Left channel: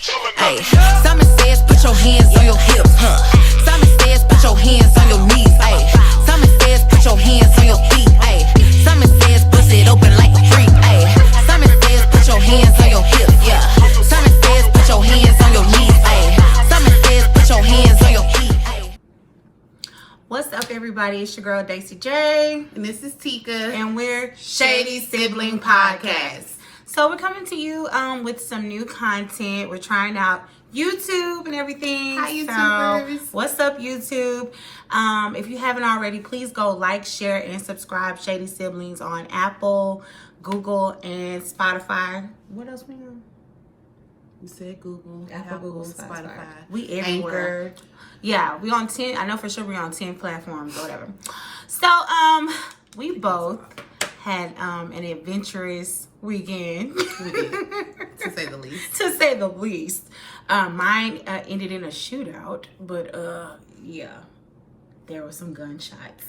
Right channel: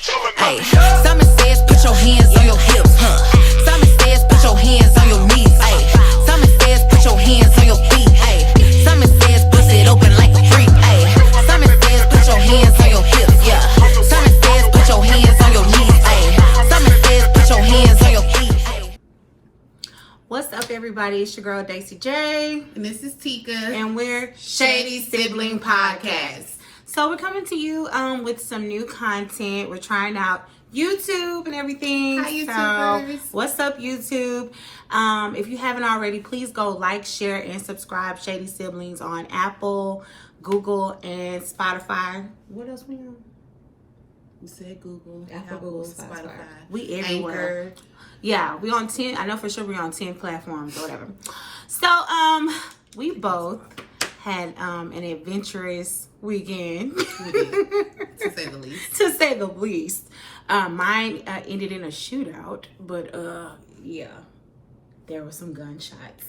Hey, Simon says put your hands on your hips. Simon says put your hands on your knees. Hey, Simon says put your hands on your feet. Hey, Simon says bust it open like a freak. Hey, Simon says put your hands on your hips. Yeah, Simon says put your hands on your knees. Hey, Simon says put your hands on your feet. Hey. What's up, everybody? It's your girl Daisy J, and this is Tika, and we're Shady Sibling Podcast. So we're coming to you with some new content. We're trying out YouTube and everything. Hi, YouTubers. So what's up, YouTube? If you haven't already, please go like, share, and subscribe Shady Siblings on Apple, Google, and Spotify. What else we on? You said Google, Apple, Google, Spotify. We Anchor. everywhere. Yeah, we on 10. I know for sure we're on 10 platforms or whatever. So we both had an adventurous weekend, to say the least. To say the least. Mine ended in a shootout, but yeah, there were some gunshots.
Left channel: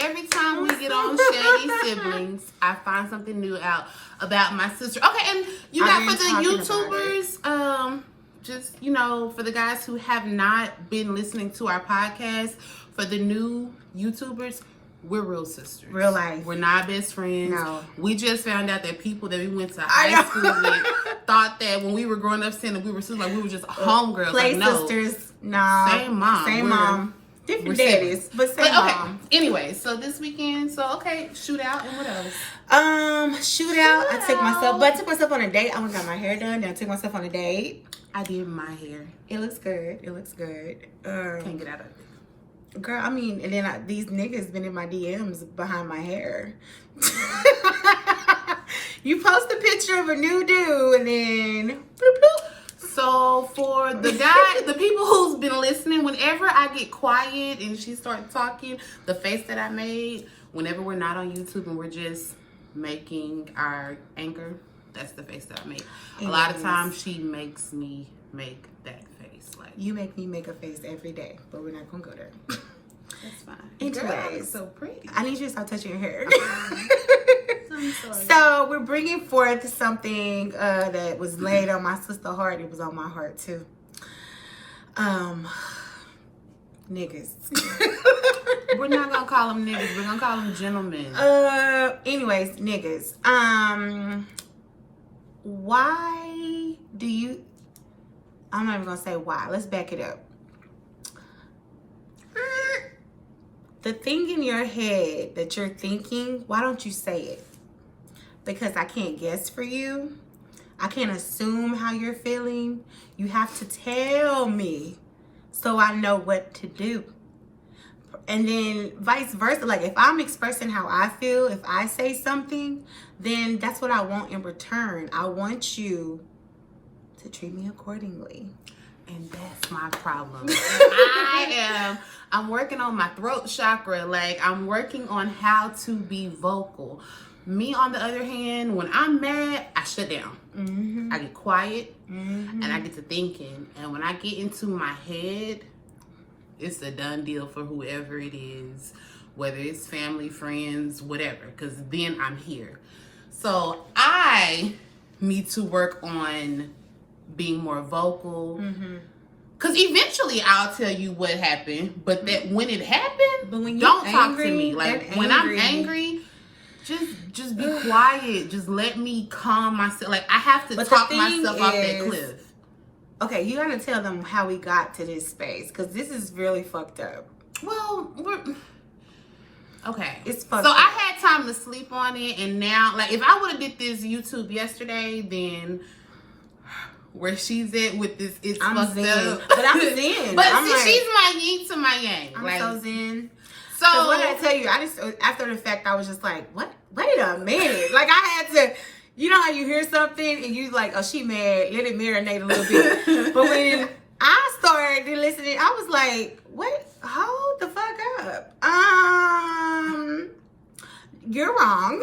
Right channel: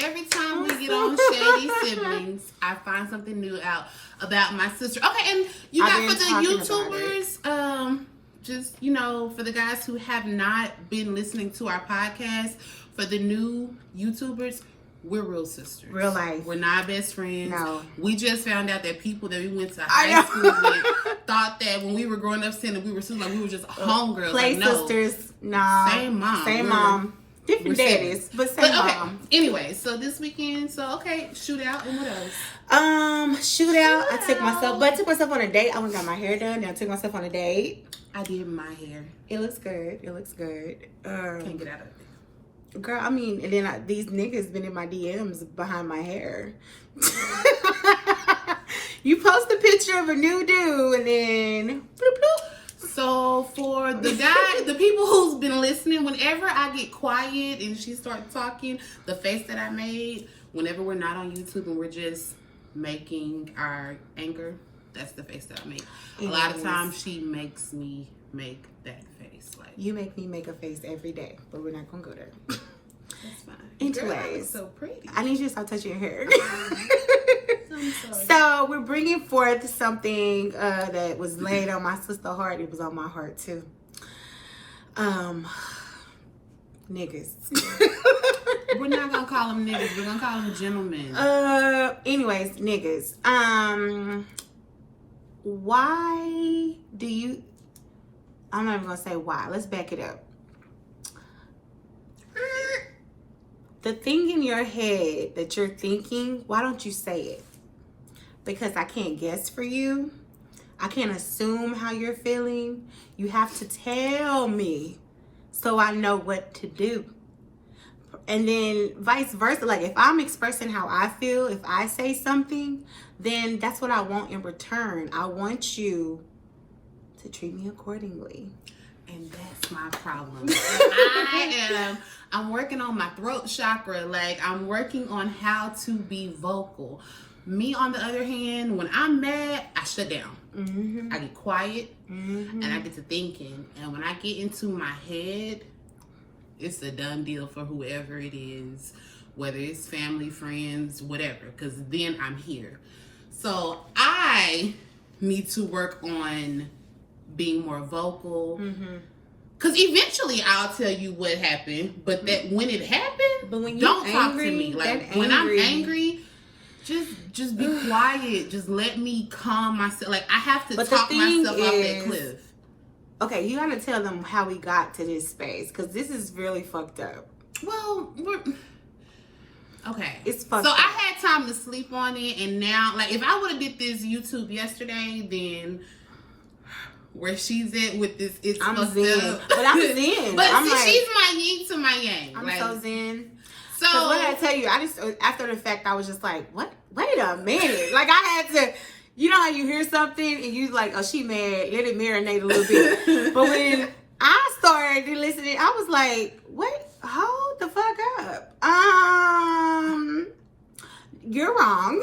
Every time we get on Shady Siblings, I find something new out about my sister. Okay, and you got for the YouTubers, just, you know, for the guys who have not been listening to our podcast, for the new YouTubers, we're real sisters. Real life. We're not best friends. No. We just found out that people that we went to high school with thought that when we were growing up saying that we were sisters, like we were just homegirls. Play like, no. sisters. No. Same mom. Same mom. Different daddies, but same mom. Anyway, so this weekend, shootout, and what else? Shootout. I took myself on a date. I went and got my hair done. Then I took myself on a date. I did my hair. It looks good. Can't get out of it. Girl, I mean, and then these niggas been in my DMs behind my hair. You post a picture of a new dude and then bloop, bloop. So for the people who's been listening, whenever I get quiet and she starts talking, the face that I made, whenever we're not on YouTube and we're just making our anchor, that's the face that I make. A lot of times she makes me make that face. Like, you make me make a face every day, but we're not gonna go there. That's fine. Anyways, so pretty. I need you to stop touching your hair. I'm sorry. So we're bringing forth something that was laid on my sister's heart. It was on my heart too. Niggas. We're not gonna call them niggas. We're gonna call them gentlemen. Anyways, niggas. Why do you? I'm not even gonna say why. Let's back it up. The thing in your head that you're thinking, why don't you say it? Because I can't guess for you. I can't assume how you're feeling. You have to tell me so I know what to do. And then vice versa. Like if I'm expressing how I feel, if I say something, then that's what I want in return. I want you to treat me accordingly. And that's my problem. I'm working on my throat chakra. Like, I'm working on how to be vocal. Me, on the other hand, when I'm mad, I shut down. Mm-hmm. I get quiet, mm-hmm. and I get to thinking. And when I get into my head, it's a done deal for whoever it is, whether it's family, friends, whatever, because then I'm here. So I need to work on being more vocal. Mm-hmm. Cause eventually I'll tell you what happened, but that when it happened, but when don't angry, talk to me. Like when I'm angry, just be quiet. Just let me calm myself. Like I have to talk myself off that cliff. Okay, you gotta tell them how we got to this space, cause this is really fucked up. Well, okay, it's fucked up. up. I had time to sleep on it, and now, like, if I would have did this YouTube yesterday, then. Where she's at with this, it's I'm fucked zen. up. But I'm zen. But I'm she's my yin to my yang. I'm like, so zen. So what did I tell you? I just after the fact, I was just like, what? Wait a minute. Like I had to, you know how you hear something and you like, oh, she mad. Let it marinate a little bit. But when I started listening, I was like, what? Hold the fuck up. You're wrong.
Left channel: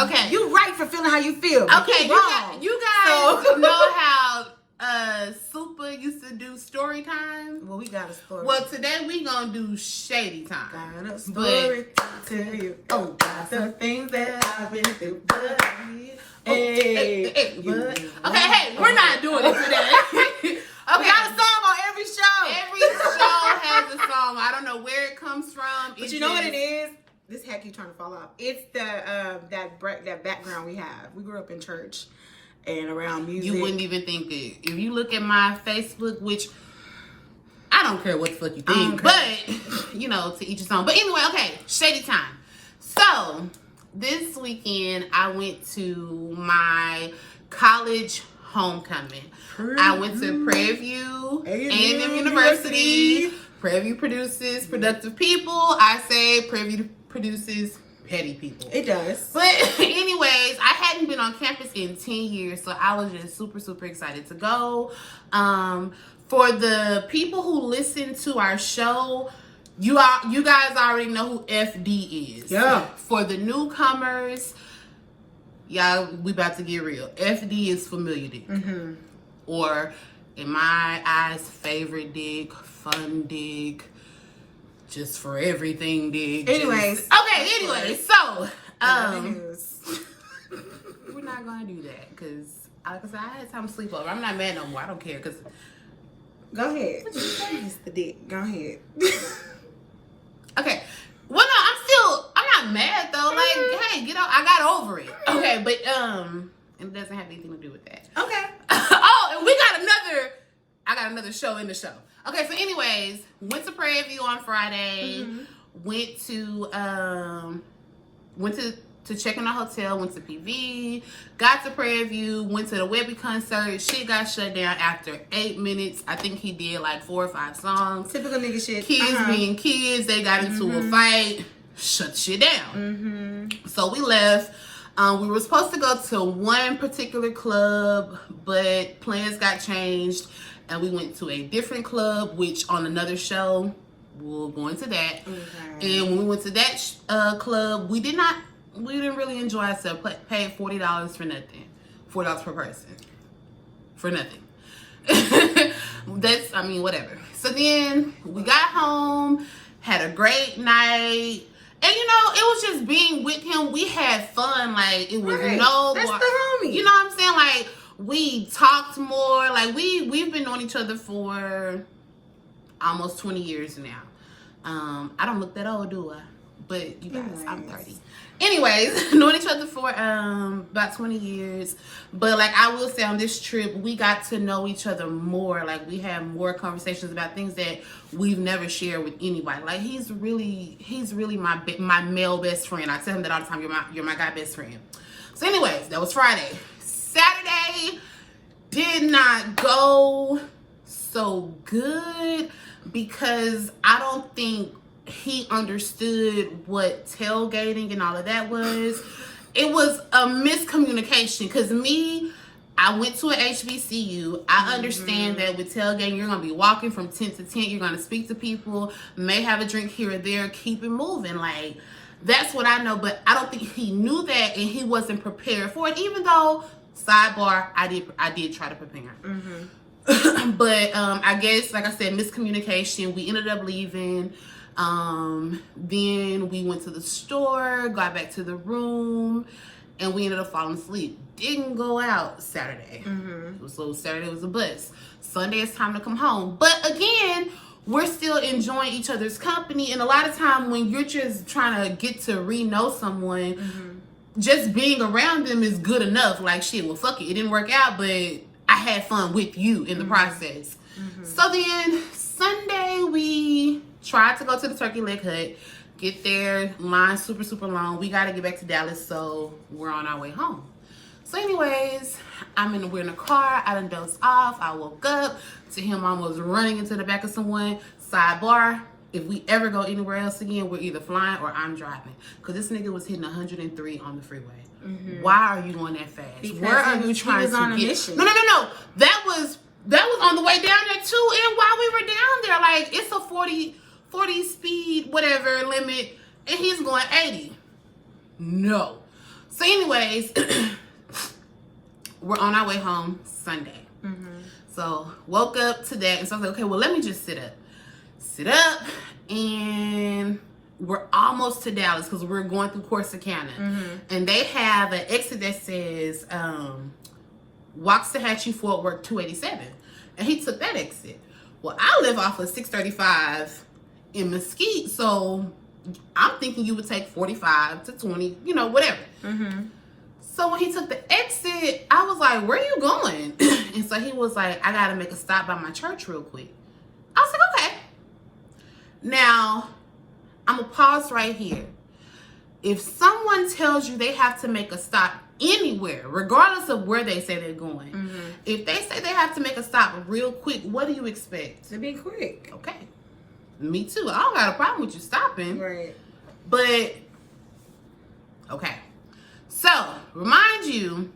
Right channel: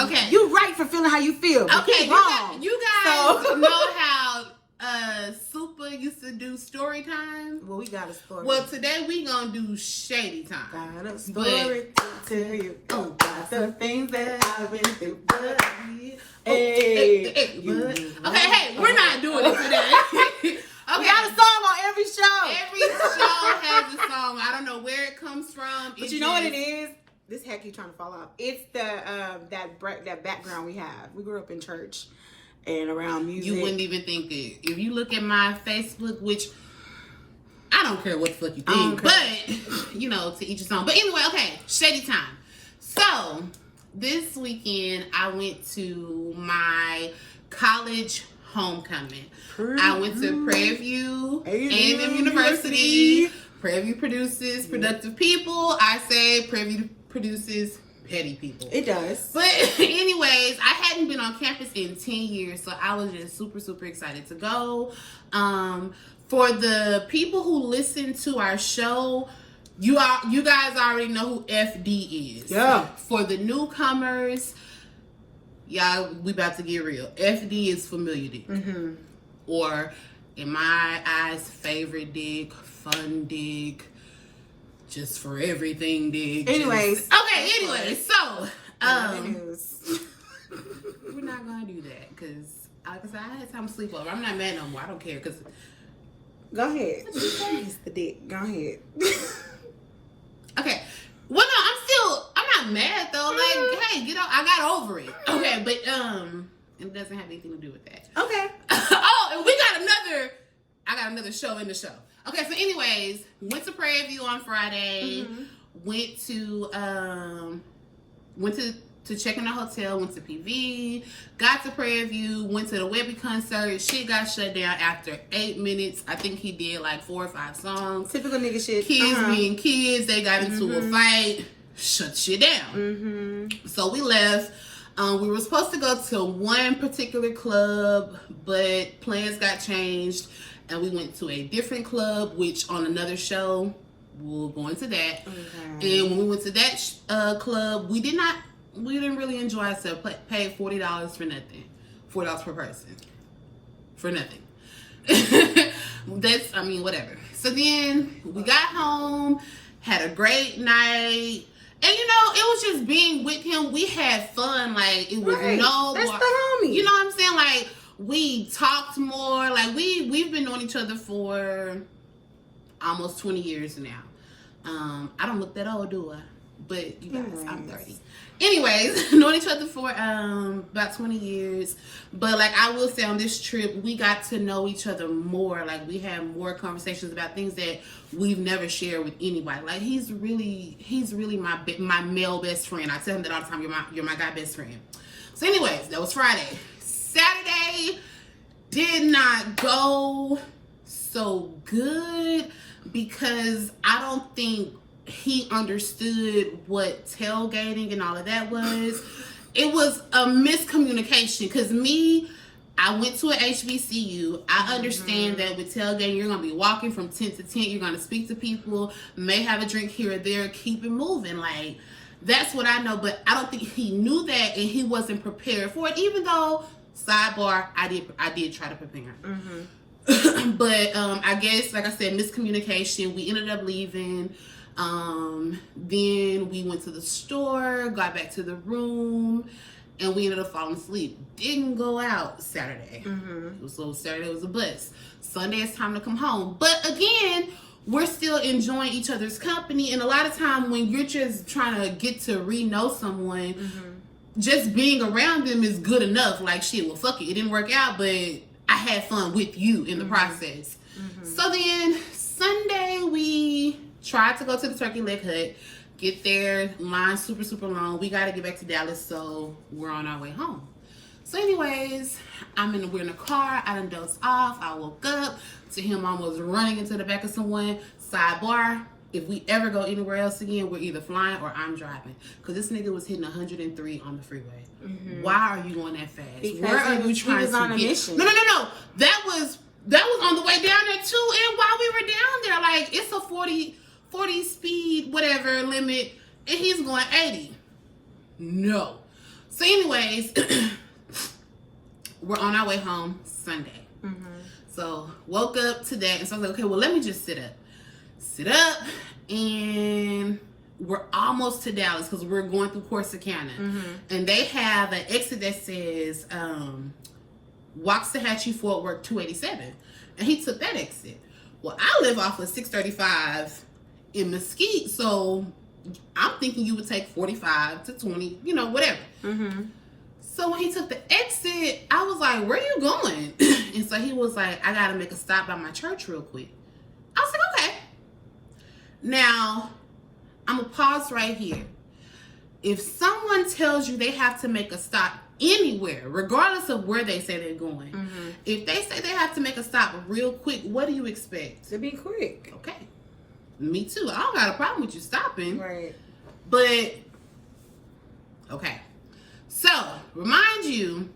Okay. You right for feeling how you feel. Okay, wrong. You guys know how Super used to do story time? Well, we got a story. Well, today we gonna do shady time. Got a story to tell you. Oh, got the things that I've been through. Hey. Okay, hey, we're not doing it today. We got a song on every show. Every show has a song. I don't know where it comes from. But you know what it is? This heck you trying to fall off. It's the that background we have. We grew up in church and around music. You wouldn't even think that. If you look at my Facebook, which I don't care what the fuck you think, but you know, to each his own. But anyway, okay, Shady time. So this weekend I went to my college homecoming. I went to Prairie View A&M University. Prairie View produces productive people. I say Prairie View produces petty people. It does. But anyways, I hadn't been on campus in 10 years, so I was just super, super excited to go. For the people who listen to our show, you guys already know who FD is. Yeah. For the newcomers, yeah, we about to get real. FD is familiar dick. Mm-hmm. Or, in my eyes, favorite dick, fun dick, just for everything dick. Anyways. Anyways, so, news. we're not going to do that, because I had time to sleep over. I'm not mad no more. I don't care, because... Go ahead. It's the dick. Go ahead. Okay. Well, no, I'm not mad, though. Like, hey, get out. I got over it. Okay, but, it doesn't have anything to do with that. Okay. Oh, and I got another show in the show. Okay, so anyways, went to Prairie View on Friday. Mm-hmm. Went to check in the hotel, went to PV, got to Prairie View, went to the Webby concert. Shit got shut down after 8 minutes. I think he did like 4 or 5 songs. Typical nigga shit. Kids being kids, they got into a fight, shut shit down. Mm-hmm. So we left. We were supposed to go to one particular club, but plans got changed, and we went to a different club, which on another show, we'll go into that. Okay. And when we went to that club, we didn't really enjoy ourselves. Paid $40 for nothing. $4 per person. For nothing. Whatever. So then we got home, had a great night. And, you know, it was just being with him. We had fun. Like, it was That's the homie. You know what I'm saying? Like, we talked more. Like, we've been knowing each other for almost 20 years now. I don't look that old, do I? But, you guys, I'm 30. Anyways, known each other for about 20 years. But, like, I will say on this trip, we got to know each other more. Like, we had more conversations about things that we've never shared with anybody. Like, he's really my male best friend. I tell him that all the time. You're my guy best friend. So, anyways, that was Friday. Saturday did not go so good because I don't think he understood what tailgating and all of that was. It was a miscommunication because I went to an HBCU. I understand that with tailgating, you're going to be walking from tent to tent. You're going to speak to people, may have a drink here or there, keep it moving. Like, that's what I know, but I don't think he knew that and he wasn't prepared for it, even though, sidebar, I did try to prepare. Mm-hmm. But I guess, like I said, miscommunication. We ended up leaving. Then we went to the store, got back to the room, and we ended up falling asleep. Didn't go out Saturday. Mm-hmm. So Saturday was a bus. Sunday it's time to come home. But again, we're still enjoying each other's company. And a lot of time when you're just trying to get to know someone, just being around them is good enough. Like, shit, well, fuck it. It didn't work out, but I had fun with you in the process. So then Sunday we tried to go to the turkey leg hut, get there, line super, super long. We got to get back to Dallas, so we're on our way home. So anyways, we're in the car. I done dozed off. I woke up to him almost running into the back of someone. Sidebar, if we ever go anywhere else again, we're either flying or I'm driving. Because this nigga was hitting 103 on the freeway. Why are you going that fast? Because where are you trying to on a get? mission. No. That was on the way down there too. And while we were down there, like, it's a 40 speed, whatever limit, and he's going 80. No. So anyways, we're on our way home Sunday. So woke up to that, and so I was like, okay, well, let me just sit up, and we're almost to Dallas because we're going through Corsicana, and they have an exit that says Waxahachie, Fort Worth, 287. And he took that exit. Well, I live off of 635 in Mesquite, so I'm thinking you would take 45 to 20, you know, whatever. Mm-hmm. So when he took the exit, I was like, where are you going? And so he was like, I got to make a stop by my church real quick. I was like, okay. Now, I'm going to pause right here. If someone tells you they have to make a stop anywhere, regardless of where they say they're going, Mm-hmm. if they say they have to make a stop real quick, what do you expect? To be quick. Okay. Me too. I don't got a problem with you stopping. Right. But, okay. So, remind you,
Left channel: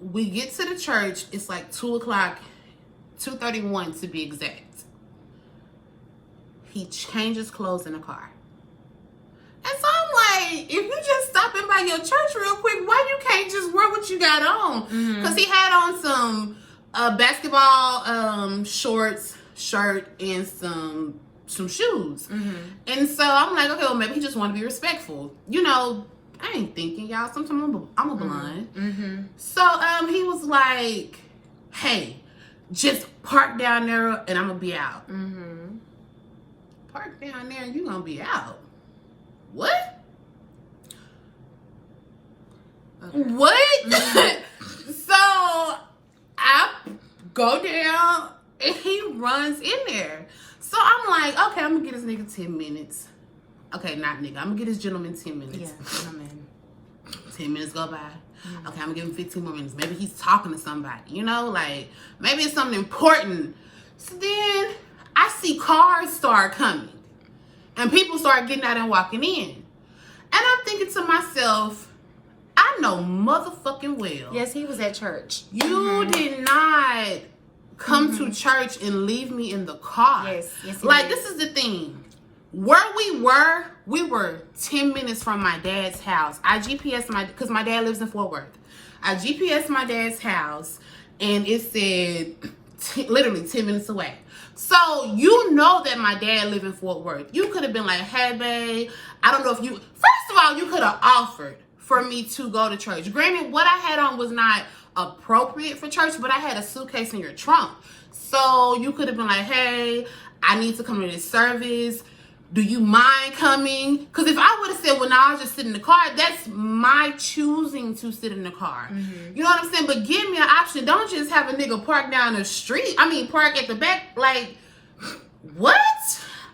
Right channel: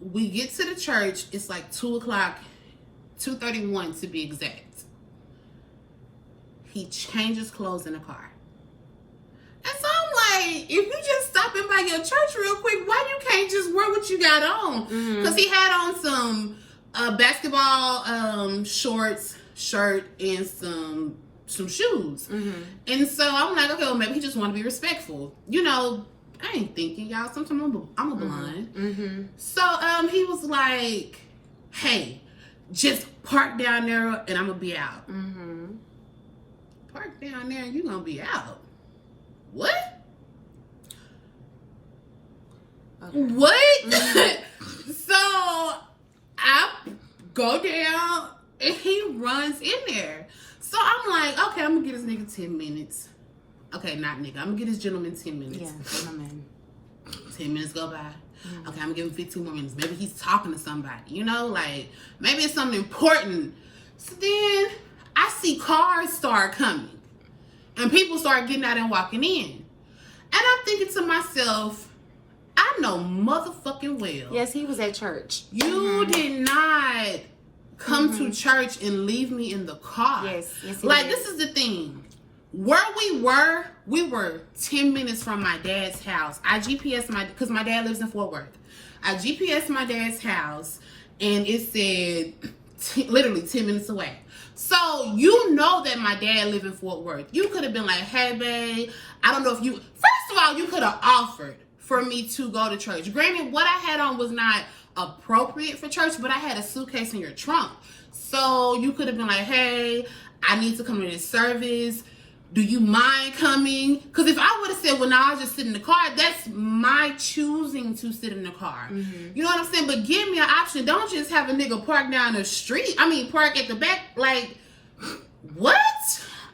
we get to the church, it's like 2 o'clock, 2:31 to be exact. He changes clothes in the car. And so I'm like, if you just stopping by your church real quick, why you can't just wear what you got on? Because he had on some basketball shorts, shirt, and some shoes. And so I'm like, okay, well, maybe he just want to be respectful. You know, I ain't thinking, y'all. Sometimes I'm a blind. So he was like, hey, just park down there and I'm going to be out. Park down there and you going to be out. What? Okay. What? So I go down and he runs in there. So I'm like, okay, I'm gonna get this nigga 10 minutes. Okay, not nigga. I'm gonna get this gentleman 10 minutes. Yeah, gentleman. 10 minutes go by. Okay, I'm gonna give him 15 more minutes. Maybe he's talking to somebody, you know, like maybe it's something important. So then I see cars start coming and people start getting out and walking in. And I'm thinking to myself, I know motherfucking well. Yes, he was at church. You did not come to church and leave me in the car. Yes, like, this is the thing. Where we were 10 minutes from my dad's house. I GPS because my dad lives in Fort Worth. I GPS my dad's house and it said literally 10 minutes away. So you know that my dad lived in Fort Worth. You could have been like, hey babe, I don't know if you, first of all, you could have offered for me to go to church. Granted, what I had on was not appropriate for church, but I had a suitcase in your trunk. So you could have been like, hey, I need to come to this service. Do you mind coming? Because if I would have said, well, now I'll just sit in the car, that's my choosing to sit in the car. You know what I'm saying? But give me an option. Don't just have a nigga park down the street. I mean, park at the back. Like, what?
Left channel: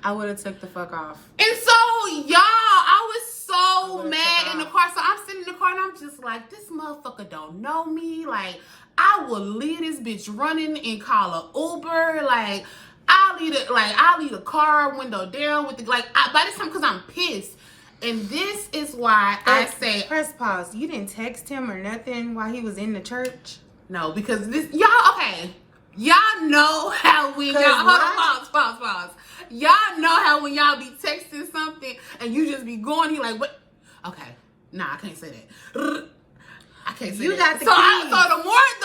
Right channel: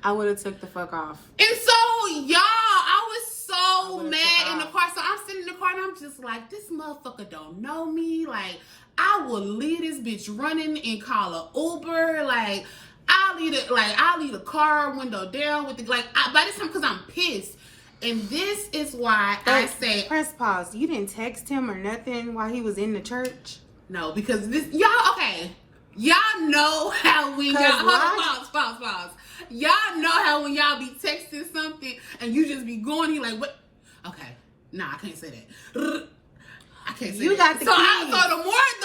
I would have took the fuck off. And so, y'all, I was so mad in the car. So I'm sitting in the car and I'm just like, this motherfucker don't know me. Like, I will leave this bitch running and call an Uber. Like, I'll leave the car window down with the, like, by this time, because I'm pissed. And this is why I say, press pause. You didn't text him or nothing while he was in the church? no, because this, y'all, okay. Y'all know how when y'all, hold on, pause. Y'all know how when y'all be texting something and you just be going, you like, what? Okay, nah, I can't say that. I can't say You that. got the so keys. So the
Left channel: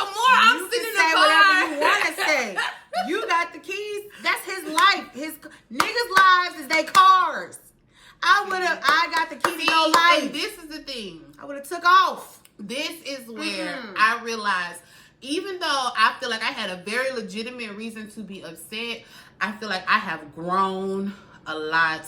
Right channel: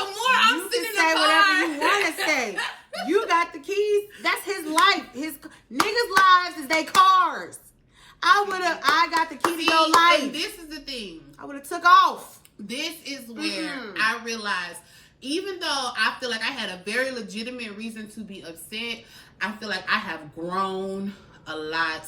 more I'm You sitting in can say the car, whatever you want to say. You got the keys. That's his life. His niggas' lives is their cars. I got the key to your life. And this is the thing. I would have took off. This is where I realized, even though I feel like I had a very legitimate reason to be upset, I feel like I have grown a lot.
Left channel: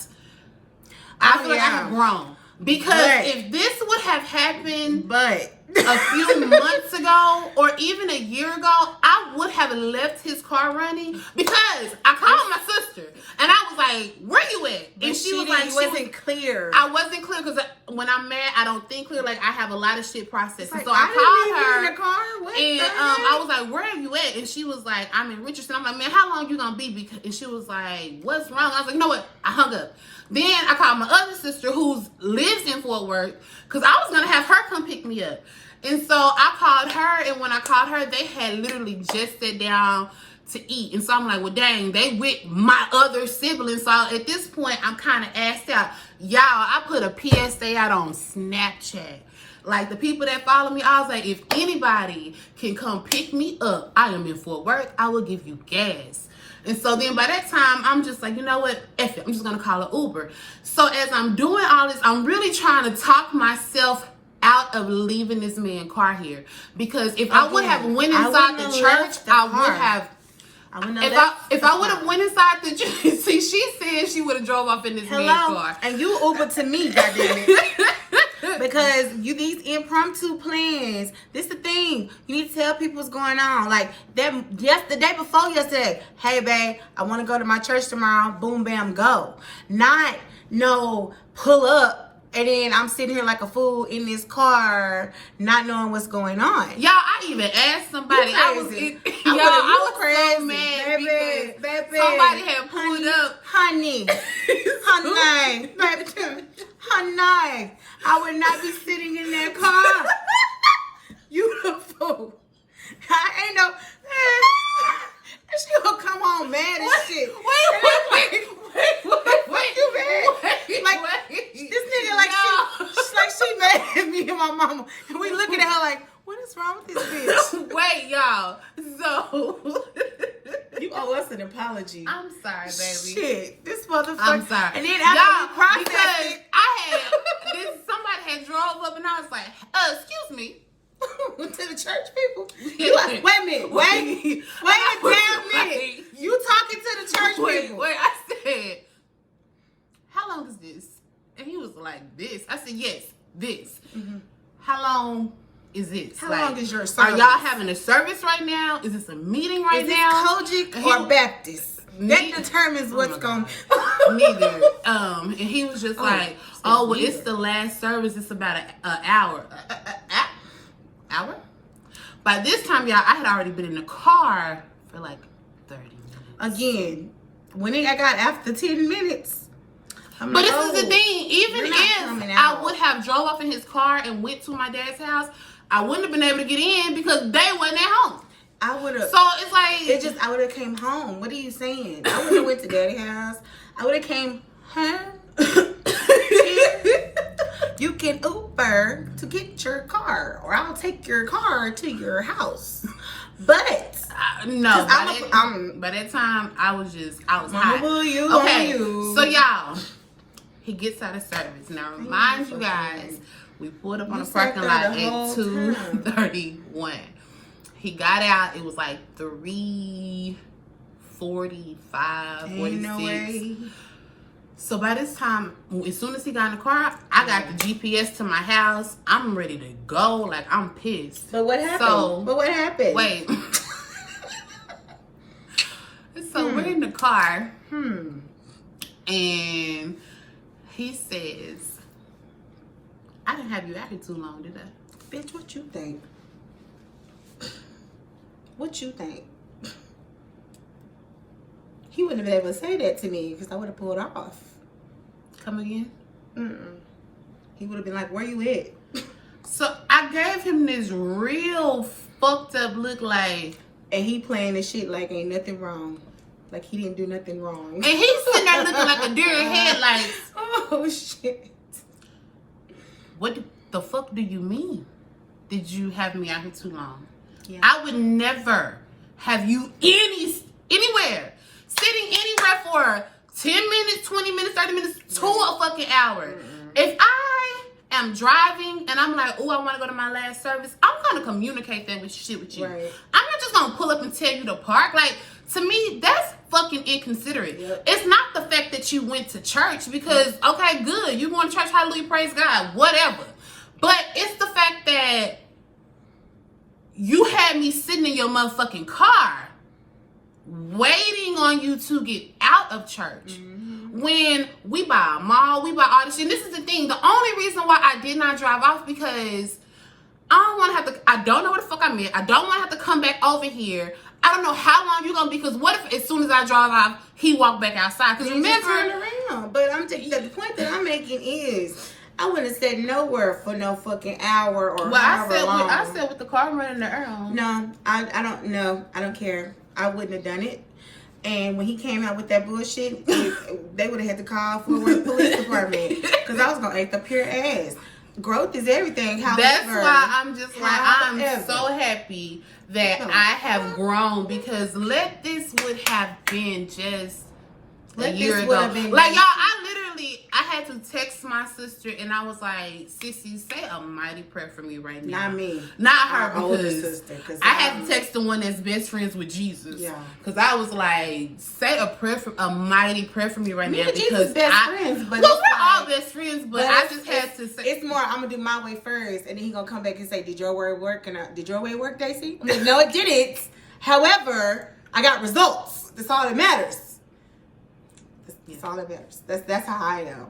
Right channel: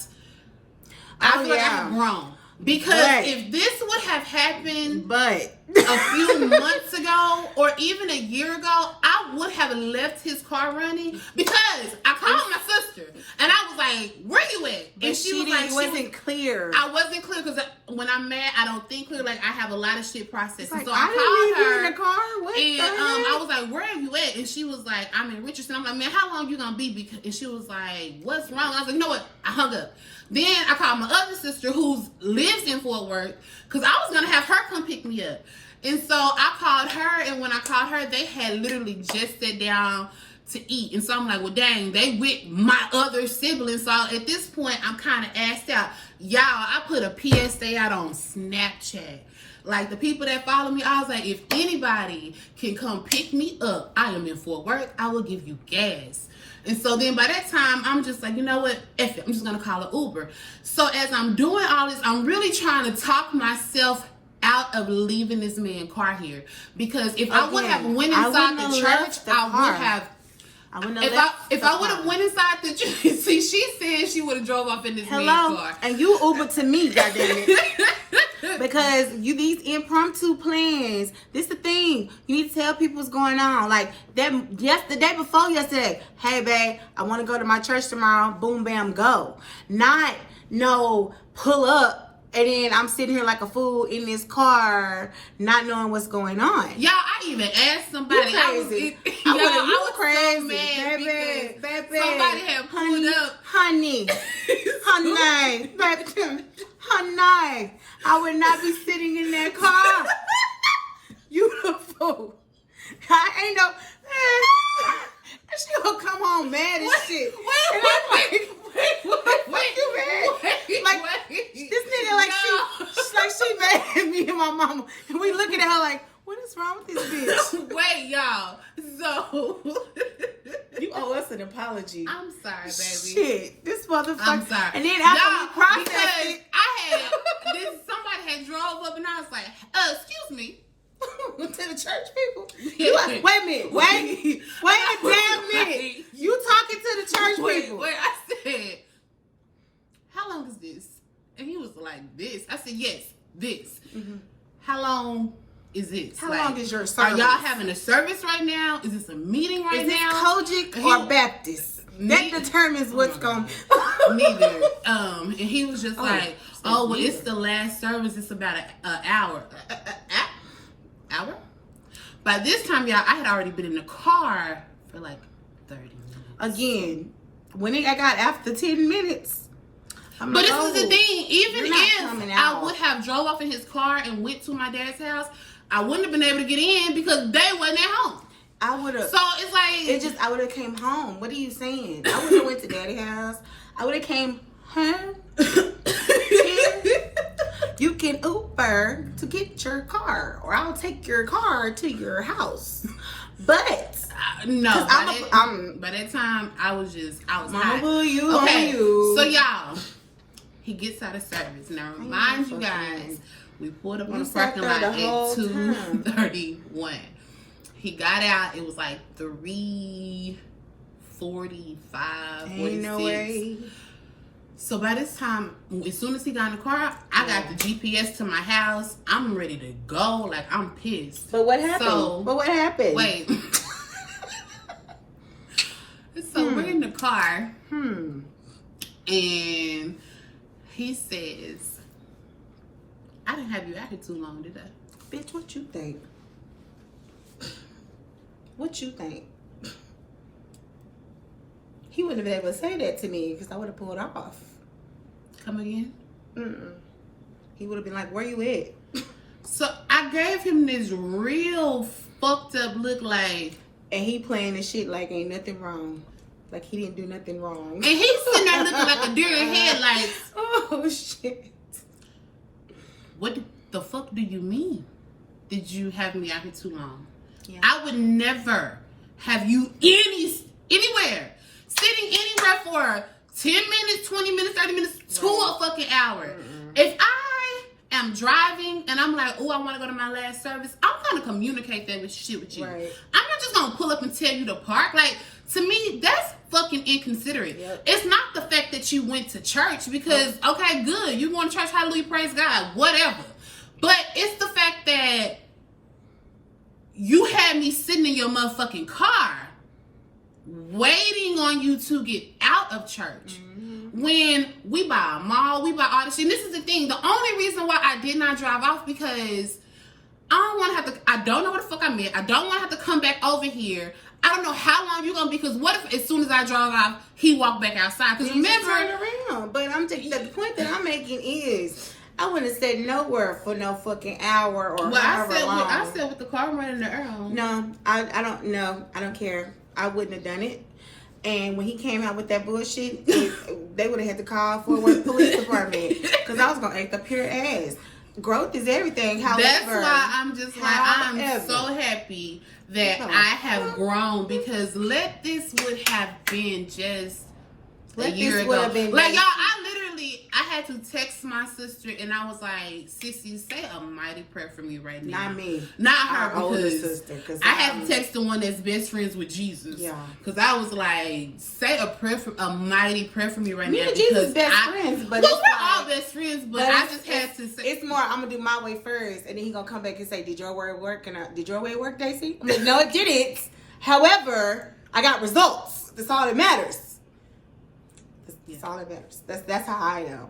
I feel like I have grown. Because if this would have happened a few months ago or even a year ago, I would have left his car running because I called my sister and I was like, where you at? And she was like, wasn't clear. I wasn't clear because when I'm mad, I don't think clear. Like, I have a lot of shit processed. Like, so I called her in the car. What and I was like, where are you at? And she was like, I'm in Richardson. I'm like, man, how long you gonna be? And she was like, what's wrong? I was like, you know what? I hung up. Then I called my other sister who lives in Fort Worth because I was going to have her come pick me up. And so I called her, and when I called her, they had literally just sat down to eat. And so I'm like, well, dang, they with my other siblings. So at this point, I'm kind of assed out. Y'all, I put a PSA out on Snapchat. Like, the people that follow me, I was like, if anybody can come pick me up, I am in Fort Worth, I will give you gas. And so then by that time, I'm just like, you know what? F it. I'm just going to call an Uber. So as I'm doing all this, I'm really trying to talk myself out of leaving this man's car here. Because if I would have went I inside wouldn't the have church, left the I car. would have. I wouldn't have If left I the would have car. went inside the church, see, she said she would have drove off in this man's Hello, car. and you Uber to me, goddammit. Because these impromptu plans, this the thing. You need to tell people what's going on. Like that, just the day before yesterday. Hey, babe, I want to go to my church tomorrow. Boom, bam, go. Not no pull up. And then I'm sitting here like a fool in this car, not knowing what's going on. Y'all, I even asked somebody. You crazy. I You was crazy. so mad Baby, because baby. somebody had pulled up. Honey, baby, honey. I would not be sitting in that car. You a fool. I ain't no. She gonna come home mad as shit. Wait. You mad? Like this nigga, like she mad at me and my mama, and we looking at her like, what is wrong with this bitch? Wait, y'all. So You owe us an apology. I'm sorry, baby. Shit, this motherfucker. I'm sorry. And then after Y'all, we processed because it, somebody had drove up and I was like, excuse me. to the church people. You like, wait a minute, wait a damn minute. You talking to the church people? Wait, I said, how long is this? And he was like, this. I said, yes, this. Mm-hmm. How long is this? How like, long is your Are service? y'all having a service right now? Is this a meeting right Is now? this Kojic or Baptist? That determines what's going. Neither. And he was just like, oh, well, it's the last service. It's about an hour. Hour? By this time, y'all, I had already been in the car for like 30 minutes. Again, when I got after 10 minutes. I'm But like, this is the thing. Even you're not if coming I out. would have drove off in his car and went to my dad's house, I wouldn't have been able to get in because they wasn't at home. I would have. So it's like I would have came home. What are you saying? I would have went to daddy's house. I would have came home. Here. You can Uber to get your car, or I'll take your car to your house. But no. I'm by that time, I was Mama hot. boo you. Okay, You. so y'all, he gets out of service. Now, remind you guys, we pulled up on the parking lot at 2:31. He got out. It was like 3:45. Ain't no way. So by this time, as soon as he got in the car, I got the GPS to my house. I'm ready to go. Like, I'm pissed. But what happened? Wait. So we're in the car. And he says, I didn't have you out here too long, did I? Bitch, what you think? What you think? He wouldn't have been able to say that to me because I would have pulled off. Come again? He would have been like, where you at? So I gave him this real fucked up look like. And he playing this shit like ain't nothing wrong. Like he didn't do nothing wrong. And he's sitting there looking like a deer in headlights. Oh, shit. What the fuck do you mean? Did you have me out here too long? Yeah. I would never have you anywhere, sitting anywhere for 10 minutes, 20 minutes, 30 minutes, to a fucking hour. If I am driving and I'm like, oh, I want to go to my last service, I'm going to communicate that with you. Right. I'm not just going to pull up and tell you to park. Like, to me, that's fucking inconsiderate. Yep. It's not the fact that you went to church because, okay, good, you going to church, hallelujah, praise God, whatever. But it's the fact that you had me sitting in your motherfucking car waiting on you to get out of church. When we buy a mall, we buy all this shit. And this is the thing. The only reason why I did not drive off because I don't want to have to, I don't know where the fuck I'm at. I don't want to have to come back over here. I don't know how long you're going to be because what if as soon as I drive off, he walked back outside? Because remember, turn around. But I'm taking the point that I'm making is I wouldn't have said nowhere for no fucking hour or however long. I said with the car running around. No, I don't know. I don't care. I wouldn't have done it. And when he came out with that bullshit, they would have had to call Fort Worth Police Department because I was gonna act up pure ass. Growth is everything. However, that's why I'm just like I'm however. so happy that I have grown because this would have been just a year ago. Like, y'all, I had to text my sister and I was like, Sissy, say a mighty prayer for me right now. Not me. Not her. Our older sister. I had to text the one that's best friends with Jesus. Yeah. Because I was like, say a mighty prayer for me right now. Me and Jesus best friends. But we're all best friends, but I just had to say. It's more, I'm going to do my way first. And then he going to come back and say, did your word work? And did your way work, Daisy? I'm like, no, it didn't. However, I got results. That's all that matters. That's all that matters. That's how I am.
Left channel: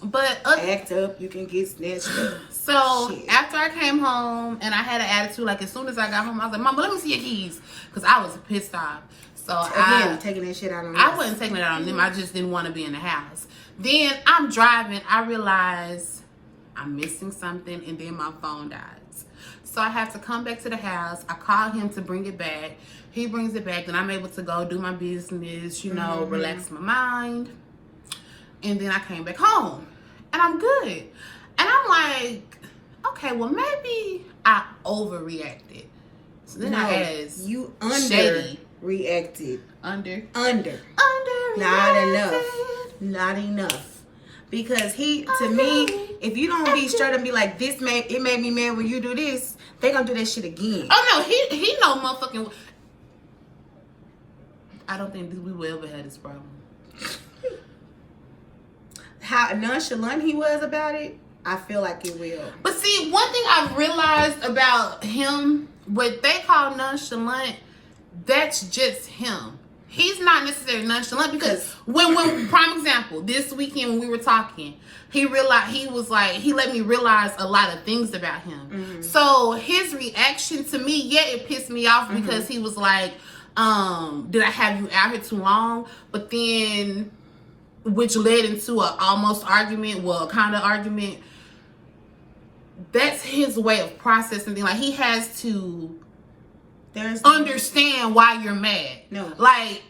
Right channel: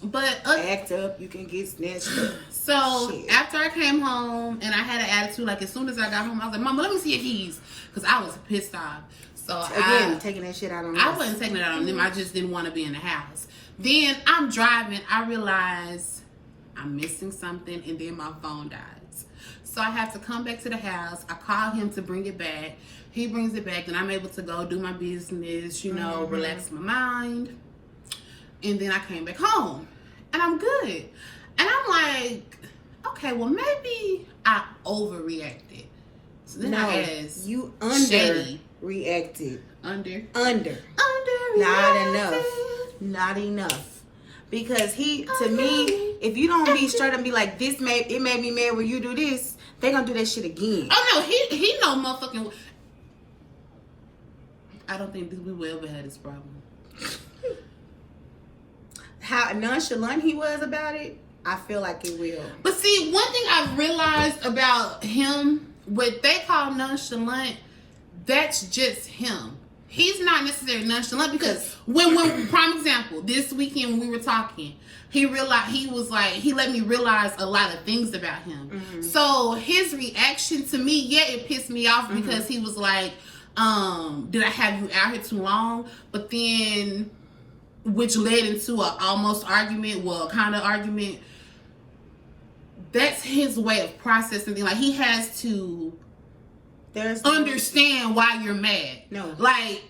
But act up, you can get snatched up. So after I came home and I had an attitude, like as soon as I got home, I was like, Mama, let me see your keys, because I was pissed off. So again, taking that shit out on them. I wasn't taking it out on them. I just didn't want to be in the house. Then I'm driving. I realize I'm missing something, and then my phone dies. So I have to come back to the house. I call him to bring it back. He brings it back, and I'm able to go do my business, you know, relax my mind. And then I came back home, and I'm good. And I'm like, okay, well, maybe I overreacted. So then I asked, you underreacted. Under. Not enough. Because to me, if you don't be straight up and be like, it made me mad when you do this, they gonna do that shit again. Oh no, he no motherfucking. I don't think we will ever have this problem. How nonchalant he was about it, I feel like it will. But see, one thing I've realized about him, what they call nonchalant, that's just him. He's not necessarily nonchalant, because when prime example, this weekend when we were talking, he let me realize a lot of things about him. So his reaction to me, it pissed me off, because he was like, did I have you out here too long? But then, which led into a almost argument, a kind of argument. That's his way of processing things. Like, he has to understand why you're mad. No. Like,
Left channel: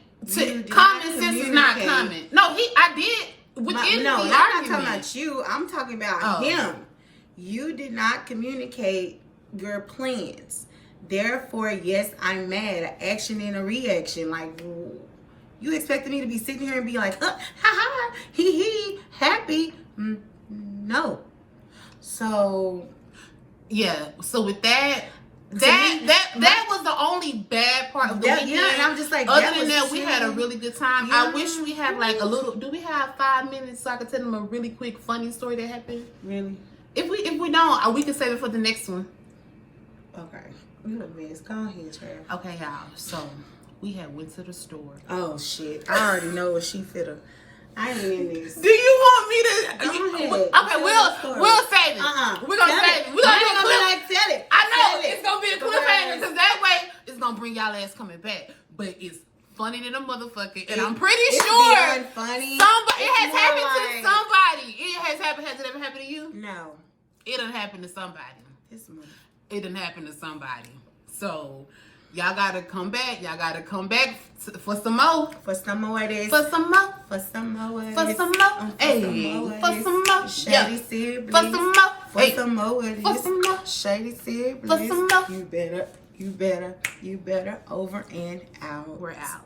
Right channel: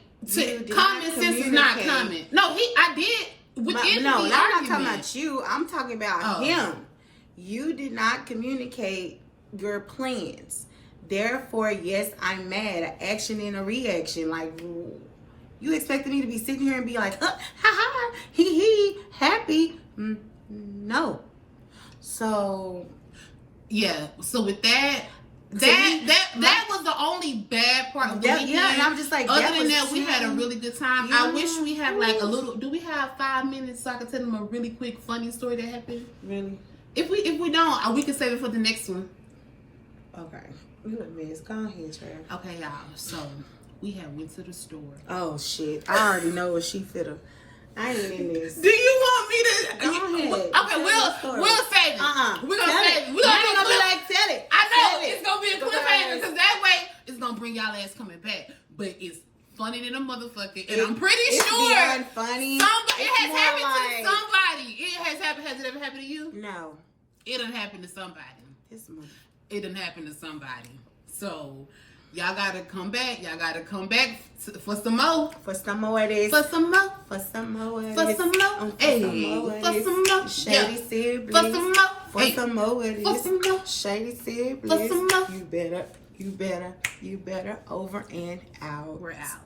common sense is not coming. No, I did. I'm not talking about you. I'm talking about him. You did not communicate your plans. Therefore, yes, I'm mad. An action and a reaction. Like, you expected me to be sitting here and be like, ha ha, he, happy? No. So, yeah. So with that was the only bad part of the weekend. Yeah, and I'm just like, other than that, we had a really good time. Yeah. I wish we had like a little. Do we have 5 minutes so I could tell them a really quick funny story that happened? Really? If we don't, we can save it for the next one. Okay. You a mess. Go ahead, Trav. Okay, y'all. So we had went to the store. Oh shit! I already know what she fitter. I ain't in this. Do you want me to? Go ahead. Okay, we'll save it. We're gonna save it. We're gonna do like tell it. I know it's gonna be a cliffhanger, because that way it's gonna bring y'all ass coming back. But it's funny than a motherfucker, and I'm pretty sure it's funny. It has happened to somebody. It has happened. Has it ever happened to you? No. It done happened to somebody. It done happened to somebody. So y'all gotta come back. Y'all gotta come back for some more. For some more of this. For some more. For some more of this. For some more. Hey. For some more. Shady siblings. For some more. For some more of this. For some more. Shady siblings. For some more. You better over and out. We're out.